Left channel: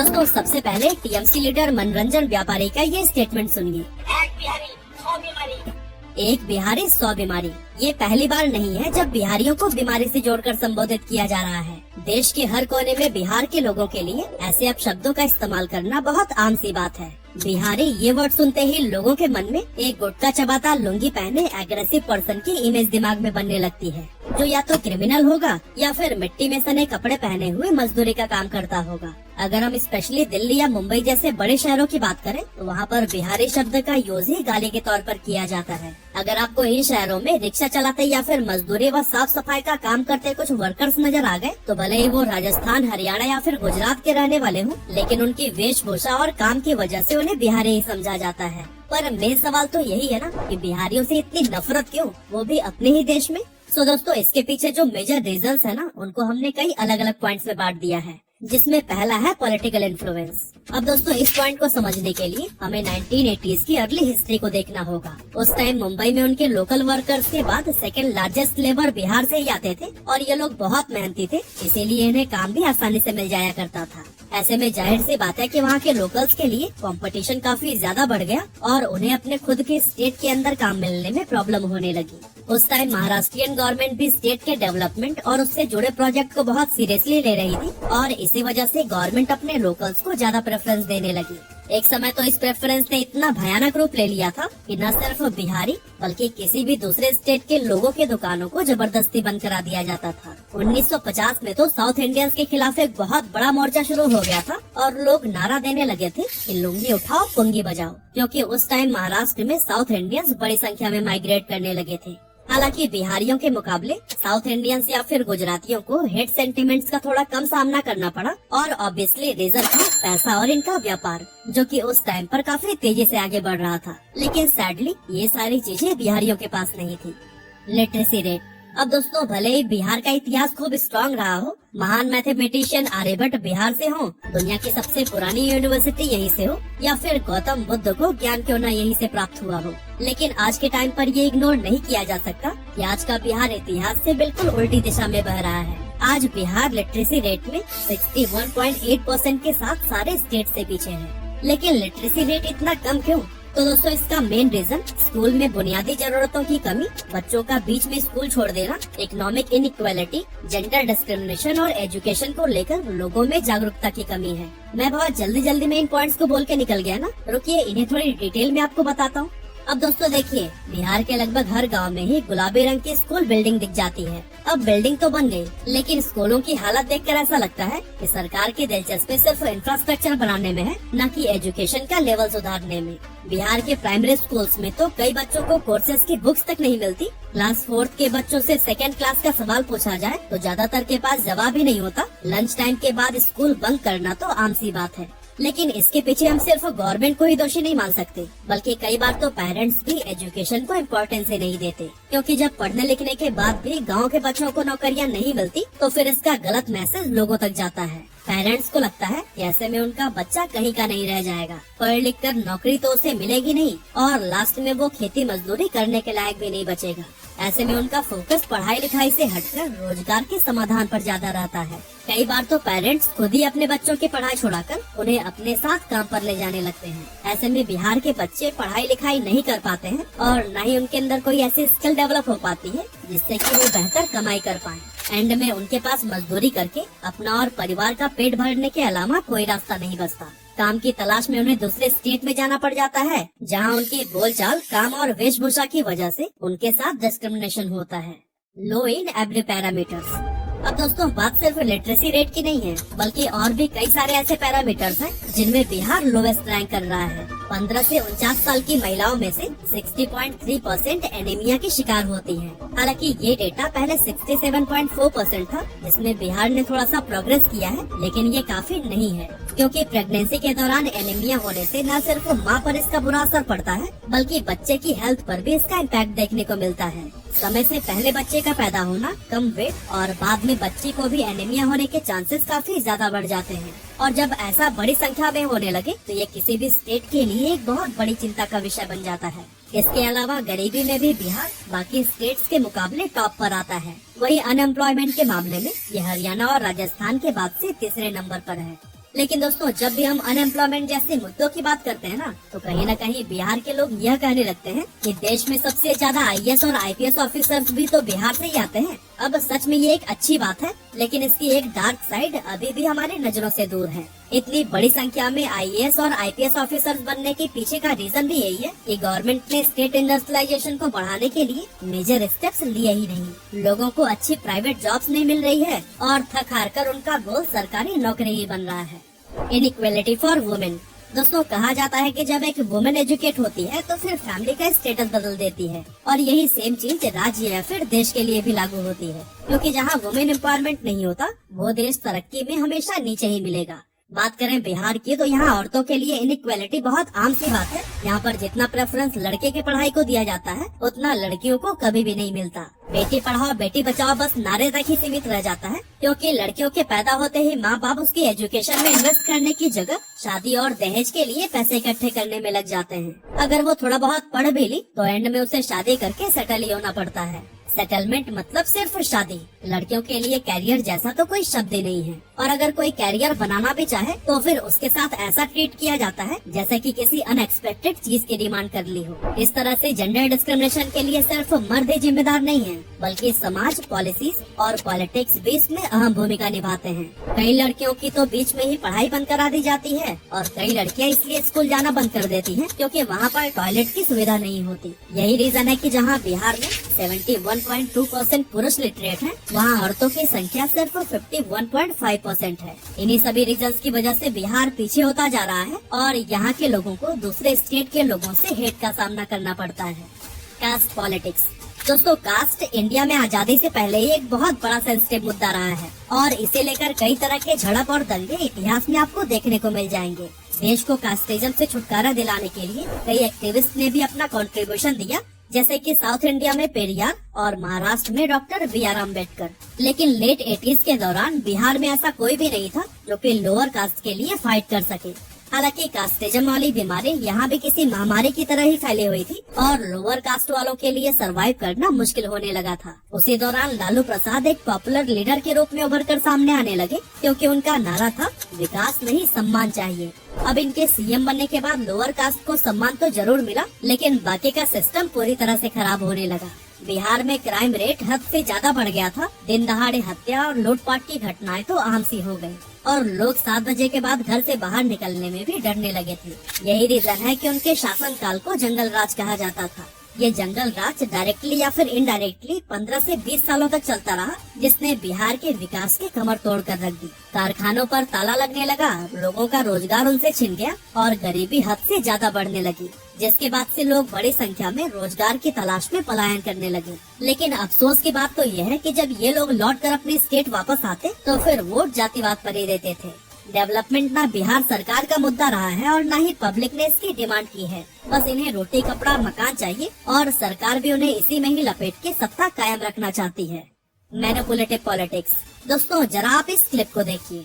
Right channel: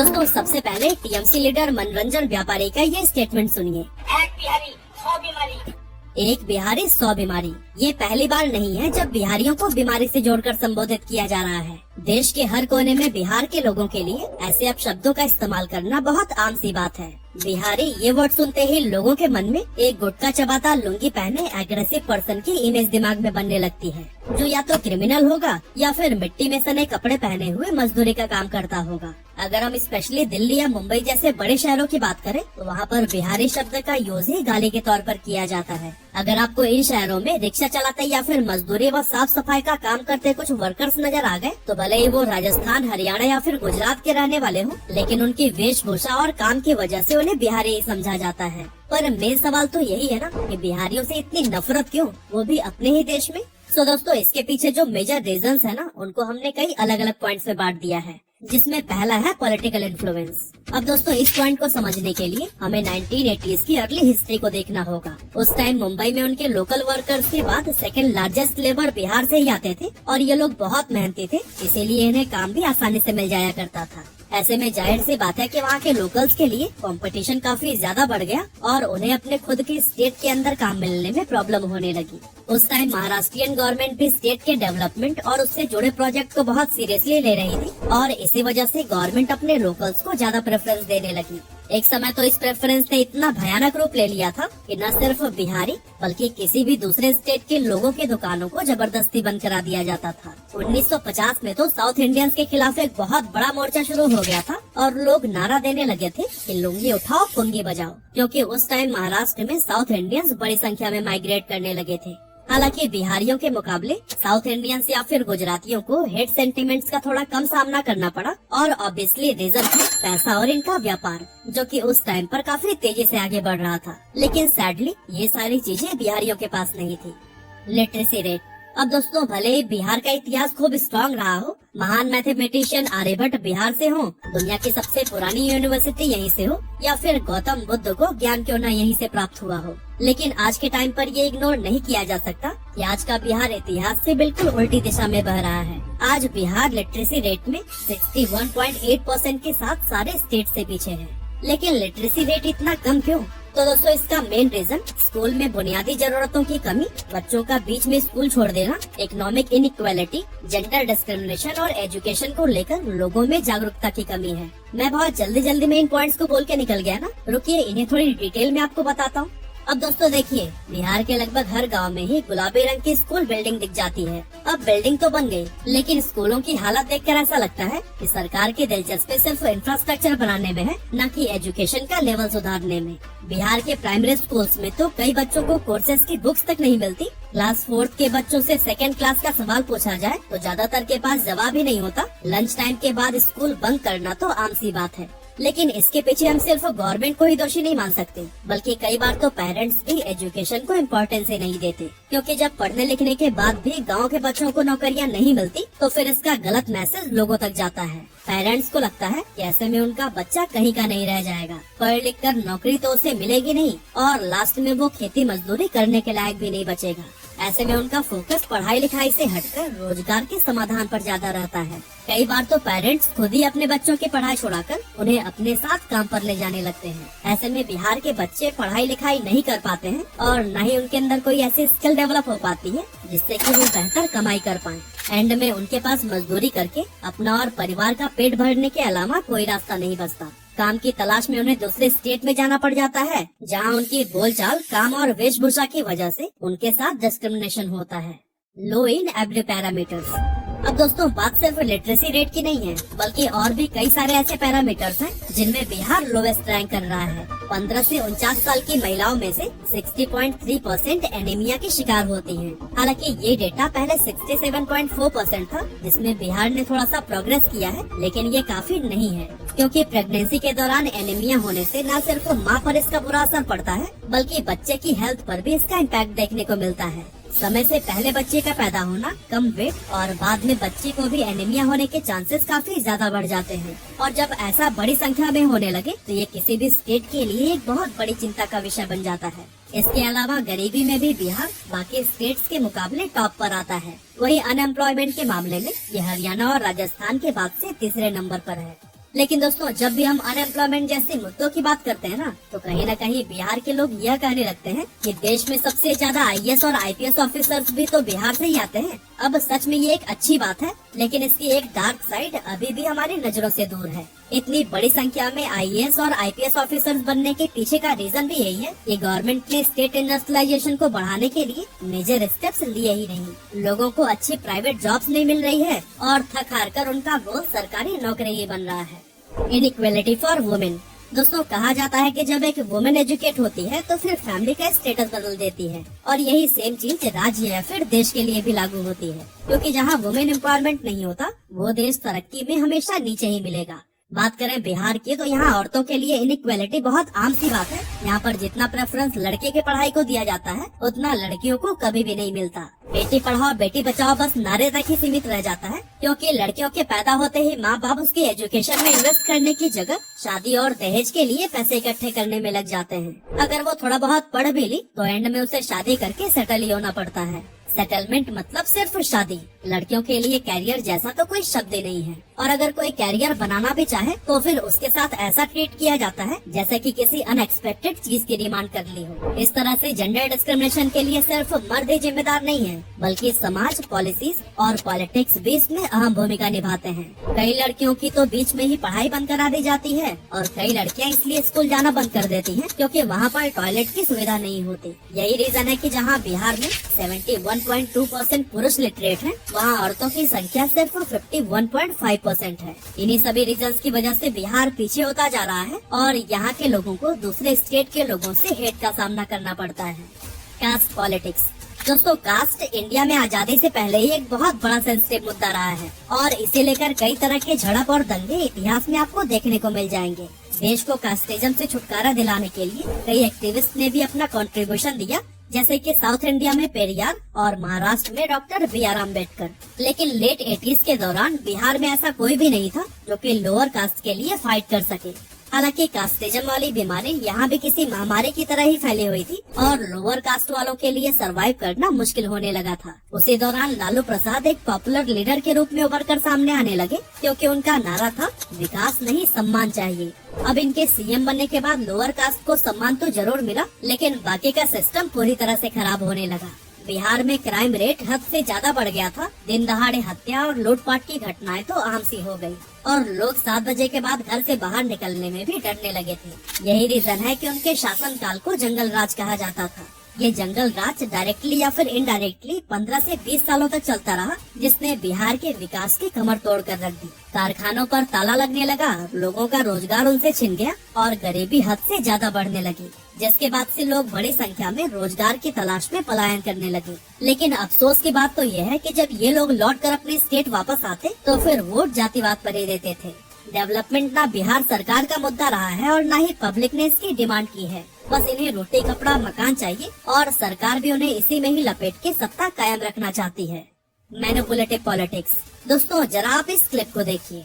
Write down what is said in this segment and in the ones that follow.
दोस्तों सबसे पहले टीएमसी लीडर मनोरंजन व्यापारी का ये स्टेटमेंट सुनिए। एक बिहारी 100 बीमारी। ये पहली बार नहीं है जब बिहारियों को बीमारी से जोड़कर संबोधित किया जा रहा है। देश के हर कोने में बिहार के लोगों के लिए ऐसे अपशब्दों का इस्तेमाल करना बहुत आम सी बात है। बिहारी ये वर्ड सुनते ही लोगों के मन में एक गुटखा चबाता लुंगी पहने एग्रेसिव पर्सन की इमेज दिमाग में बनने लगती है, जो या तो क्रिमिनल होगा या फिर मिट्टी में सने कपड़े पहने हुए मजदूरी का काम करता होगा। अगर हम स्पेशली दिल्ली या मुंबई जैसे बड़े शहरों की बात करें तो वहाँ पर बिहारी शब्द का यूज ही गाली के तौर पर किया जाता है। अगर आपको इन शहरों में रिक्शा चलाते या फिर मजदूरी व साफ सफाई का काम करते कुछ वर्कर्स नजर आ गए तो भले ही वो राजस्थान, हरियाणा या फिर गुजरात के रहने वाले हों, लेकिन उनकी वेशभूषा और काम की वजह से उन्हें बिहारी ही समझा जाता है। पर मेन सवाल तो यही है ना कि बिहारियों से इतनी नफरत क्यों, वो भी अपने ही देश में। सो दोस्तों इसके पीछे जो मेजर रीजंस है ना, उनको हमने कई अलग अलग पॉइंट्स में बांट दिया है, जिसमें पहला है पॉलिटिकल इन्फ्लुएंस। अब दोस्तों इस पॉइंट को समझने के लिए हमें 1980s की अर्ली हिस्ट्री को देखना होगा। उस टाइम मुंबई में उनके लोकल वर्कर्स के बाद सेकंड लार्जेस्ट लेबर बिहार से ही आते थे और ये लोग बहुत मेहनती थे, इसीलिए इन्हें काम भी आसानी से मिल जाया करता था। ऐसे में जाहिर सी बात है कि वहाँ के लोकल्स के लिए कंपटीशन काफी ज्यादा बढ़ गया और उन्हें अपने खुद के स्टेट के अंदर काम मिलने में प्रॉब्लम होने लगी। उस टाइम महाराष्ट्रियन गवर्नमेंट भी स्टेट के डेवलपमेंट और उससे जुड़े प्रोजेक्ट को बहुत सीरियसली ले रही थी और इसी वजह से गवर्नमेंट अपने लोकल्स को ज्यादा प्रेफरेंस देने लगी। एक समय तो इस प्रेफरेंस ने इतना भयानक रूप ले लिया था कि न सिर्फ बिहारी बल्कि किसी भी दूसरे स्टेट के लोगों की दुकानों को जबरदस्ती बंद करा दिया जाता था। 1950 में तो साउथ इंडियंस के खिलाफ एक बहुत बड़ा मोर्चा शुरू हो गया था और लोग नारा देने लगे थे कि लुंगी उठाओ पुंगी बजाओ, क्योंकि उस टाइम महाराष्ट्र में साउथ इंडियंस बड़ी संख्या में माइग्रेट करने लगे थे। हालांकि बिहारियों के मुकाबले साउथ इंडियंस या फिर गुजरातियों को हेट सेंटिमेंट्स का थोड़ा कम सामना करना पड़ा और ऑब्वियसली रीजन था पैसा और इनका व्यापार, जो कि उस टाइम पर काफी तेजी से आगे बढ़ रहा था। लेकिन सैडली ये सारी चीजें बिहारियों के पास नहीं थी। Literacy rate. अब दोस्तों भले ही बिहार का इतिहास खूब स्ट्रॉन्ग रहा हो, महान मैथमेटिशियन आर्यभट्ट बिहार से हो, दुनिया की सबसे पुरानी यूनिवर्सिटी यहीं से हो या फिर गौतम बुद्ध को ज्ञान क्यों न यहीं से प्राप्त हुआ हो, लेकिन आज के टाइम पर ये इग्नोर नहीं किया जा सकता कि आज का बिहार इतिहास से बिल्कुल उल्टी दिशा में बह रहा है। आज बिहार लिटरेसी रेट में 61.8% के साथ सारे स्टेट से पीछे है। लेकिन लिटरेसी रेट इतना कम क्यों? तो दोस्तों इसका मेन रीजन स्कूल में बुनियादी जरूरतों की कमी, बच्चों का बीच में स्कूल छोड़ देना, इकोनॉमिक इनइक्वालिटी, जेंडर डिस्क्रिमिनेशन और एजुकेशन को लेकर लोगों में जागरूकता की कमी है। मैं बहुत जल्दी में इन पॉइंट्स को बोल के निकल गया ना, रुकिए इन्हें थोड़ी डिटेल में आपको बताता हूँ। अब दोस्तों देखिए, बिहार के लगभग हर गांव में ही गुलाबी रंग की स्कूल बिल्डिंग दिख जाती है। अब बिल्डिंग तो बन गई, लेकिन स्कूलों की हालत देखकर ऐसा लगता है कि सरकार की दिलचस्पी सिर्फ इंफ्रास्ट्रक्चर बनाने में है, न कि एजुकेशन का लेवल सुधारने में। बिहार के प्राइमरी स्कूल्स में तो कई बच्चों को कोर्सेज की बुक्स तक नहीं मिलती। क्लास 4 के बच्चों से सेकंड क्लास का सवाल पूछा जाए तो ज्यादातर के पास जवाब ही नहीं होता। लंच टाइम के बाद स्कूल बंक करना तो आम सी बात है। लेकिन इसके पीछे हम सिर्फ गवर्नमेंट को ही दोषी नहीं मान सकते, बल्कि कई बार तो पेरेंट्स भी एजुकेशन को इम्पोर्टेंस ही नहीं देते, क्योंकि जब पढ़ने लिखने के बाद भी गांव के बच्चों को नौकरियां नहीं मिलती तो फिर इसका गलत मैसेज लोगों तक जाता है। पेरेंट्स को लगता है कि ऐसे में उनका बच्चा कहीं का नहीं रह जाएगा, पढ़ लिख कर नौकरी तो उसे मिलेगी नहीं और लास्ट में वो खेती मजदूरी करने के लायक भी नहीं बचेगा। ऐसे में उनका फोकस पढ़ाई लिखाई से हटकर रोजगार के समाधान पर ज्यादा रहता है। कई बार तो पेरेंट्स खुद ही अपने बच्चों की पढ़ाई छुड़ाकर उन्हें अपने साथ काम पर ले जाने लगते हैं। ऐसे में बिहार के बच्चे पढ़ाई लिखाई नहीं कर पाते हैं और न ही उनके अंदर कोई ऐसी स्किल डेवलप हो पाती है जिससे कि वो बेहतर कमाई कर पाए। एंड में उनके पास मजदूरी करके अपना और परिवार का पेट भरने के अलावा कोई रास्ता नहीं बचता। काम की तलाश में उन्हें दूसरे स्टेट में जाना पड़ जाता है, जहां उनकी बोलचाल, काम और वेशभूषा की वजह से उनके साथ डिस्क्रिमिनेशन होता है। लो इन एवरी पैरामीटर्स। अब दोस्तों बात सिर्फ लिटरेसी रेट की नहीं है, बल्कि और भी कई सारे ऐसे पैरामीटर्स हैं जिनमें बिहार लोवेस्ट रैंक कर रहा है। 15 से 49 साल की महिलाओं में से 60.3% एनीमिया की शिकार होती हैं। हालांकि ये डेटा पहले 67.4% था, जिसमें बिहार ने थोड़ा सा प्रोग्रेस किया है, लेकिन ये काफी नहीं है, क्योंकि प्रेगनेंसी के दौरान एनीमिया होने से न सिर्फ माँ पर इसका बुरा असर पड़ता है, बल्कि बच्चे की हेल्थ पर भी इसका इम्पैक्ट देखने को मिलता है। समय से पहले बच्चे का पैदा होना, कम वेट और बाद में बच्चे को भी एनीमिया होने के चांसेस काफी ज्यादा बढ़ जाते हैं। और जब ऐसा बड़ी संख्या में होने लगे तो ये किसी भी स्टेट के लिए एक बहुत बड़ी चिंता का विषय बन जाता है। इसके अलावा गरीबी में भी बिहार बाकी स्टेट्स के मुकाबले टॉप पर आता है। वही अनएम्प्लॉयमेंट के मामले में ये हरियाणा और राजस्थान के बाद से तीसरे नंबर पर है। लेकिन दोस्तों, जब भी हम अनएम्प्लॉयमेंट जैसे मुद्दों की बात करते हैं ना, तो कहीं न कहीं बिहार के लोग यह कहने लगते हैं कि देश में सबसे ज्यादा आईएएस और आईपीएस ऑफिसर्स भी तो बिहार से ही आते हैं। अब सच में ये एक अच्छी बात है, लेकिन इसकी एक डार्क साइड अभी भी हमारी नजरों से दूर है। इतनी बड़ी संख्या में आईएएस और आईपीएस ऑफिसर्स बनने के पीछे का रीजन भी यही है कि गवर्नमेंट ने स्टेट इंडस्ट्रियलाइजेशन को बढ़ाने के लिए मेजर स्टेप्स लिए ही नहीं। लोगों को अच्छी प्राइवेट जॉब्स नहीं मिल रही है और थक हार कर उनका गोल सरकारी नौकरी ही बन रहा है। Inequality for women. दोस्तों, कहा जाता है कि जब एक वुमेन एजुकेट होती है तो फिर फैमिली का स्टेटस बदल देती है, और यही सेम चीज राज्य या फिर देश के लिए भी लागू होती है, क्योंकि जहाँ वुमेन एम्पावरमेंट नहीं होता वो देश तरक्की में हमेशा नीचे ही मिलेगा। बात करें बिहार की, तो यहाँ औरतों के लिए इनइक्वालिटी बहुत आम सी बात है। यहाँ पर जितना प्रेफरेंस लड़के के पढ़ाई को दिया जाता है, उतना लड़कियों को कभी भी नहीं मिलता। बेटी पढ़ाओ बेटी बचाओ बस नारे तक ही सीमित रह जाता है, क्योंकि लड़कियों के पैदा होते ही माँ बाप उसके एजुकेशन में इन्वेस्ट करने की जगह शादी और दहेज के लिए पैसे इकट्ठे करने में लग जाते हैं। अगर वो थोड़ा बहुत पढ़ भी ली तो एंड में उसे शादी करके सेटल ही होना पड़ता है। सेटलमेंट मतलब सिर्फ शादी। लड़कियों के लिए कैरियर जैसा तो कोई शब्द ही नहीं है, और अगर कोई कैरियर बनाना भी चाहे तो फिर उसके साथ ऐसा ट्रीट किया जाता है जैसे कि किसी अनएक्सपेक्टेड चीज की डिमांड कर ली हो। इस तरह से जेंडर डिस्क्रिमिनेशन के लिए सिर्फ मर्द ही जिम्मेदार नहीं है, बल्कि समाज, पॉलिसीज और पॉलिटिक्स भी इसमें अहम भूमिका निभाते हैं। कई लड़कियों की तो बीच में ही पढ़ाई बंद करा दी जाती है, और कई लड़कियां इसलिए स्कूल जाना बंद कर देती हैं क्योंकि वहाँ पर टॉयलेट की सुविधा नहीं होती। यही रीजन है कि जहाँ बिहार में 71.2% पुरुष लिटरेट हैं, वहाँ औरतों की संख्या सिर्फ 51.5% है। इन्हीं सभी रीजंस की वजह से बिहार पीछे होता जा रहा है, और यहाँ के लोगों को दूसरे स्टेट के लोगों से हेट का सामना करना पड़ता है। Caste politics. दोस्तों, कास्ट इंडिया में आजादी से पहले ही एक बहुत बड़ा सेंसिटिव मुद्दा रहा है, और इसे लेकर कई तरह के झड़प और दंगे इतिहास में आपको देखने को मिल जाएंगे। देश को कास्टिज्म से छुटकारा दिलाने के लिए कई एक्टिविस्ट ने भी अपना कंट्रीब्यूशन दिया, जैसे कि साउथ इंडिया में पेरियार और महाराष्ट्र में डॉक्टर बी.आर. अम्बेडकर। लेकिन लेट 80s के दौरान बिहार में ऐसा कोई भी नहीं था जो कि लोअर कास्ट के लिए फाइट कर सके। हालांकि कास्टिज्म वाली बीमारी यहाँ भी किसी महामारी की तरह ही फैली हुई थी, और लोअर कास्ट वालों के लिए सरवाइव करना मुश्किल होने लगा था। उसी दौरान लालू प्रसाद एक पॉपुलर लीडर के रूप में उभर कर सामने आने लगे, क्योंकि उनका नारा था विकास नहीं सम्मान चाहिए। अब इनके सीएम बनने के बाद लोअर कास्ट को सम्मान तो जरूर मिला, लेकिन बाकी का सिस्टम पूरी तरह से खराब होने लगा। बिहार में क्राइम रेट हद से ज्यादा बढ़ गया था। दिन दहाड़े हत्या और लूटपाट की घटनाएं तो आम सी हो गई, और लोग 7 बजे के बाद घर से बाहर निकलने में भी डरने लगे थे। यही रीजन है कि उनके शासनकाल को जंगल राज कहा जाता था। ये जंगल राज डायरेक्टली या फिर इनडायरेक्टली 15 से 20 सालों तक चलता रहा, जिसने बिहार के विकास की कमर तोड़ कर रख दी। कारखानों पर ताला लगने लगा, लोगों का रोजगार उनसे छिन गया, और गरीबी हद से ज्यादा बढ़ने लगी, जिसके बाद से लोग बड़ी संख्या में रोजगार की तलाश में पलायन करने लगे। लेकिन अफसोस की बात तो यह है कि जब ये लोग लौट कर अपनी स्टेट वापस आते तो फिर वोट जातिवाद पर ही देते थे। डेवलपमेंट ना बिहार सरकार का मुद्दा रहा है और न ही पब्लिक ने इसकी डिमांड की है। बस इन्हें रोटी कपड़ा मकान चाहिए, और सरकार भी उन्हें इसी में ही लपेट के सत्ता कायम रखना चाहती है। Manipulative politics. दोस्तों, जरा आप इस क्लिप को देखिए।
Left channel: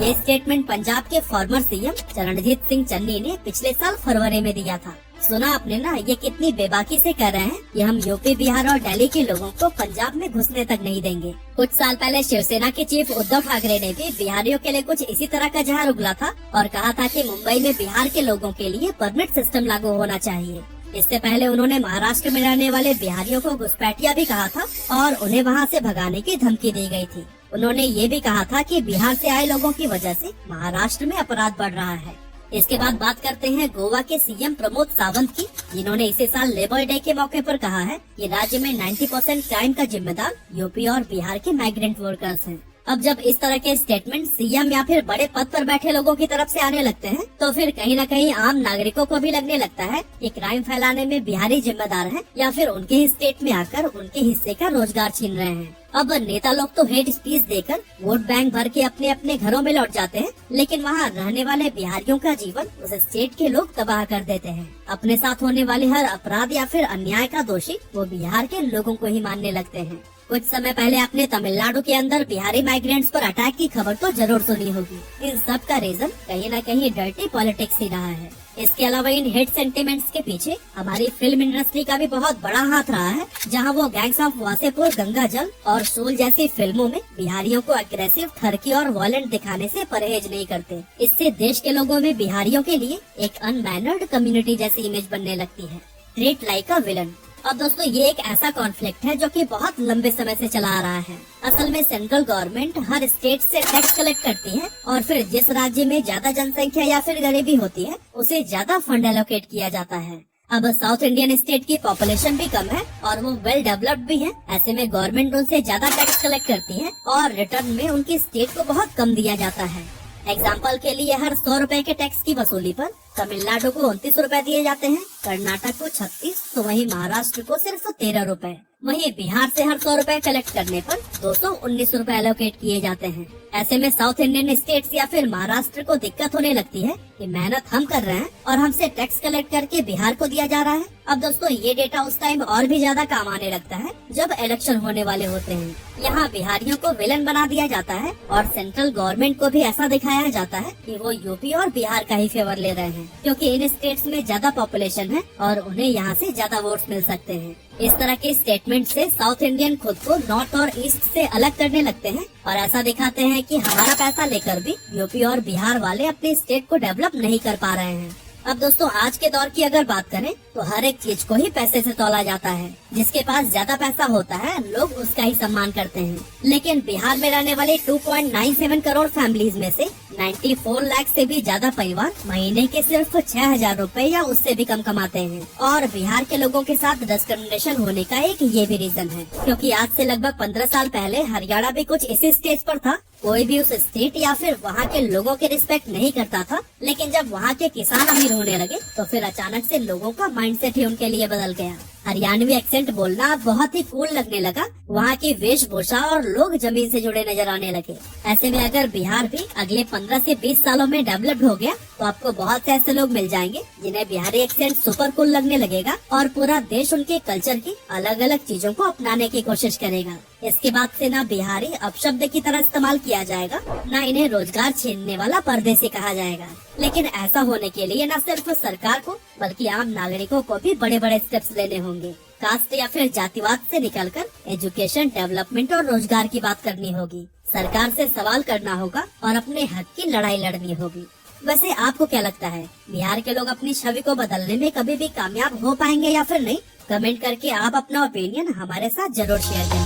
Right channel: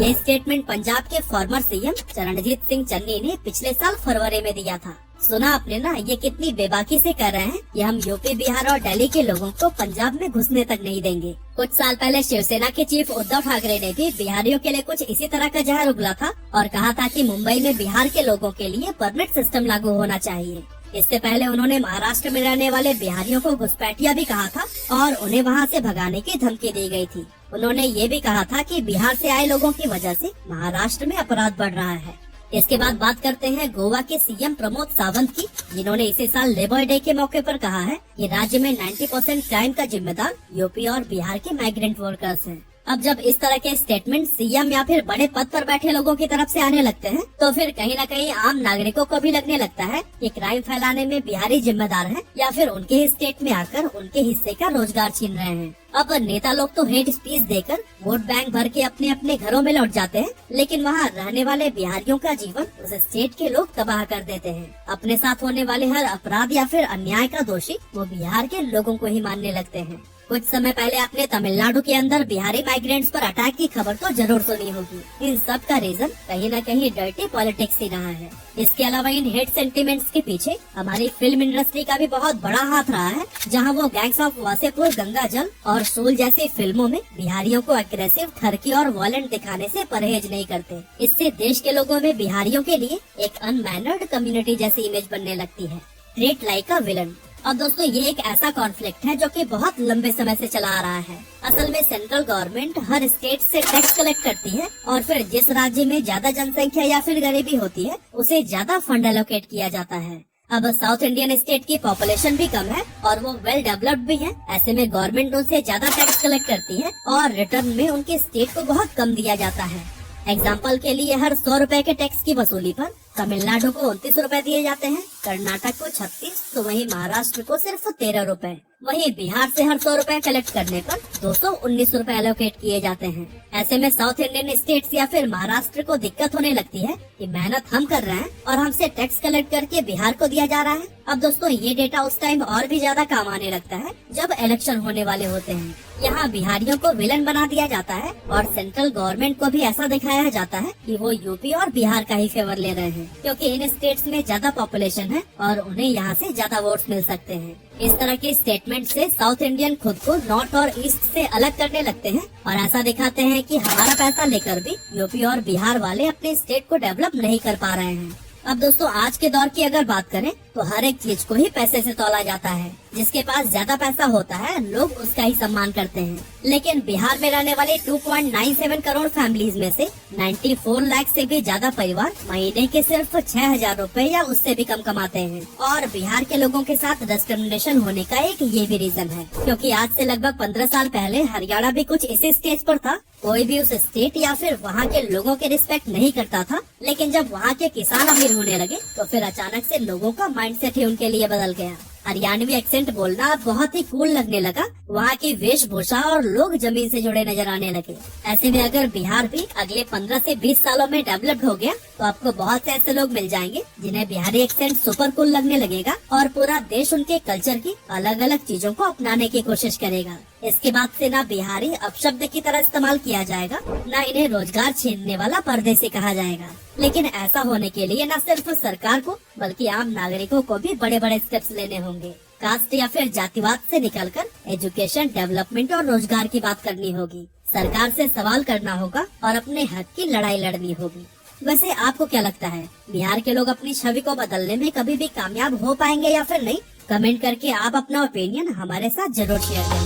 ये स्टेटमेंट पंजाब के फॉर्मर सीएम चरणजीत सिंह चन्नी ने पिछले साल फरवरी में दिया था। सुना आपने ना, ये कितनी बेबाकी से कह रहे हैं कि हम यूपी, बिहार और दिल्ली के लोगों को पंजाब में घुसने तक नहीं देंगे। कुछ साल पहले शिवसेना के चीफ उद्धव ठाकरे ने भी बिहारियों के लिए कुछ इसी तरह का जहर उगला था, और कहा था कि मुंबई में बिहार के लोगों के लिए परमिट सिस्टम लागू होना चाहिए। इससे पहले उन्होंने महाराष्ट्र में रहने वाले बिहारियों को घुसपैठिया भी कहा था, और उन्हें वहाँ से भगाने की धमकी दी गई थी। उन्होंने ये भी कहा था कि बिहार से आए लोगों की वजह से महाराष्ट्र में अपराध बढ़ रहा है। इसके बाद बात करते हैं गोवा के सीएम प्रमोद सावंत की, जिन्होंने इसी साल लेबर डे के मौके पर कहा है कि राज्य में 90% क्राइम का जिम्मेदार यूपी और बिहार के माइग्रेंट वर्कर्स हैं। अब जब इस तरह के स्टेटमेंट सीएम या फिर बड़े पद पर बैठे लोगों की तरफ से आने लगते हैं, तो फिर कहीं न कहीं आम नागरिकों को भी लगने लगता है कि क्राइम फैलाने में बिहारी जिम्मेदार हैं, या फिर उनके ही स्टेट में आकर उनके हिस्से का रोजगार छीन रहे हैं। अब नेता लोग तो हेट स्पीच देकर वोट बैंक भर के अपने अपने घरों में लौट जाते हैं, लेकिन वहाँ रहने वाले बिहारियों का जीवन उस स्टेट के लोग तबाह कर देते हैं। अपने साथ होने वाले हर अपराध या फिर अन्याय का दोषी वो बिहार के लोगों को ही मानने लगते हैं। कुछ समय पहले आपने तमिलनाडु के अंदर बिहारी माइग्रेंट्स पर अटैक की खबर तो जरूर सुनी होगी। इन सब का रीजन कहीं न कहीं डर्टी पॉलिटिक्स ही रहा है। इसके अलावा इन हेट सेंटिमेंट्स के पीछे हमारी फिल्म इंडस्ट्री का भी बहुत बड़ा हाथ रहा है, जहां वो गैंग्स ऑफ वासेपुर, गंगा जल और सोल जैसी फिल्मों में बिहारियों को अग्रेसिव, ठरकी और वायलेंट दिखाने से परहेज नहीं करते। इससे देश के लोगों में बिहारियों के लिए एक अनमैनर्ड कम्युनिटी जैसी इमेज बनने लगती है, ट्रीट लाइक अ विलन। और दोस्तों, ये एक ऐसा कॉन्फ्लिक्ट है जो कि बहुत लंबे समय से चला आ रहा है। असल में सेंट्रल गवर्नमेंट हर स्टेट से टैक्स कलेक्ट करती है और फिर जिस राज्य में ज्यादा जनसंख्या या फिर गरीबी होती है उसे ज्यादा फंड एलोकेट किया जाता है। अब साउथ इंडियन स्टेट की पॉपुलेशन भी कम है और वो वेल डेवलप्ड भी है। ऐसे में गवर्नमेंट उनसे ज्यादा टैक्स कलेक्ट करती है और रिटर्न में उनकी स्टेट को बहुत कम दिया जाता है। एग्जाम्पल के लिए हर 100 रुपए के टैक्स की वसूली पर तमिलनाडु को 29 रुपए दिए जाते हैं, कर्नाटक को 36, तो वहीं महाराष्ट्र को सिर्फ 13 रुपए। वहीं बिहार से हर 100 रुपए कलेक्ट करने पर 219 रुपए एलोकेट किए जाते हैं। ऐसे में साउथ इंडियन स्टेट्स या फिर महाराष्ट्र को दिक्कत होने लगती है कि मेहनत हम कर रहे हैं और हमसे टैक्स कलेक्ट करके बिहार को दिया जा रहा है। अब दोस्तों, ये डेटा उस टाइम और भी ज्यादा काम आने लगता है जब इलेक्शन होने वाले होते हैं। यहाँ बिहारियों को विलन बना दिया जाता है और सेंट्रल गवर्नमेंट को भी ऐसा दिखाया जाता है कि वो यूपी और बिहार का ही फेवर ले रहे हैं, क्योंकि इन स्टेट्स में ज्यादा पॉपुलेशन है और उन्हें यहाँ से ज्यादा वोट्स मिल सकते हैं। इस तरह के स्टेटमेंट से साउथ इंडियन खुद को नॉर्थ और ईस्ट से अलग करने लगते हैं और ऐसा दिखाते हैं कि हमारा पैसा लेकर भी यूपी और बिहार वाले अपने स्टेट को डेवलप नहीं कर पा रहे हैं। अब दोस्तों, आज के दौर की अगर बात करें तो हर एक चीज को ही पैसे से तौला जाता है। जिसके पास ज्यादा पैसा होता है लोग उसका ही सम्मान करते हैं। लेकिन बिहार में रहने वाले 2.97 करोड़ फैमिलीज में से 94 लाख से भी ज्यादा परिवार महीने के सिर्फ 6,000 रुपए या उससे भी कम कमाते हैं। और बिहार के लोगों के साथ डिस्क्रिमिनेशन होने का एक ये भी रीजन है, क्योंकि आज से लगभग 15 साल पहले हरियाणा भी कुछ इसी स्टेज पर था। कोई भी उस स्टेट या फिर वहाँ के लोगों के रिस्पेक्ट नहीं करता था, लेकिन जब वहाँ के किसान अमीर होने लगे तो फिर अचानक से लोगों का माइंडसेट ही उनके लिए बदल गया। हरियाणवी एक्सेंट बोलना बहुत ही कूल लगने लगा, वहाँ की वेशभूषा और लोग जमीन से जुड़े नजर आने लगे। ऐसे में अगर बिहार भी अगले 15 से 20 सालों में डेवलप हो गया तो आपको बहुत से ऐसे लोग मिल जाएंगे जिन्हें बिहारी एक्सेंट सुपर कूल लगने लगेगा और पूरा देश उनके कल्चर की अलग अलग चीजों को अपनाने की कोशिश करेगा। इसके बाद से ना बिहारी अपशब्द की तरह इस्तेमाल किया जाएगा, न इन्हें रोजगार छीनने वाला परदेसी कहा जाएगा। लेकिन ऐसा होने के लिए न सिर्फ सरकार को बल्कि आम नागरिकों को भी बड़े बड़े स्टेप्स लेने होंगे। कास्ट या फिर जातिवाद से निकलकर एजुकेशन, डेवलपमेंट और रोजगार की बात करनी होगी। सरकार से सवाल करना होगा और अपने हक की लड़ाई लड़नी होगी। वैसे आपको क्या लगता है, बिहार के लोग अपनी छवि को बदलने में कभी भी कामयाब हो पाएंगे या फिर नहीं? कमेंट करके आप अपना ओपिनियन हमारे साथ जरूर शेयर करें।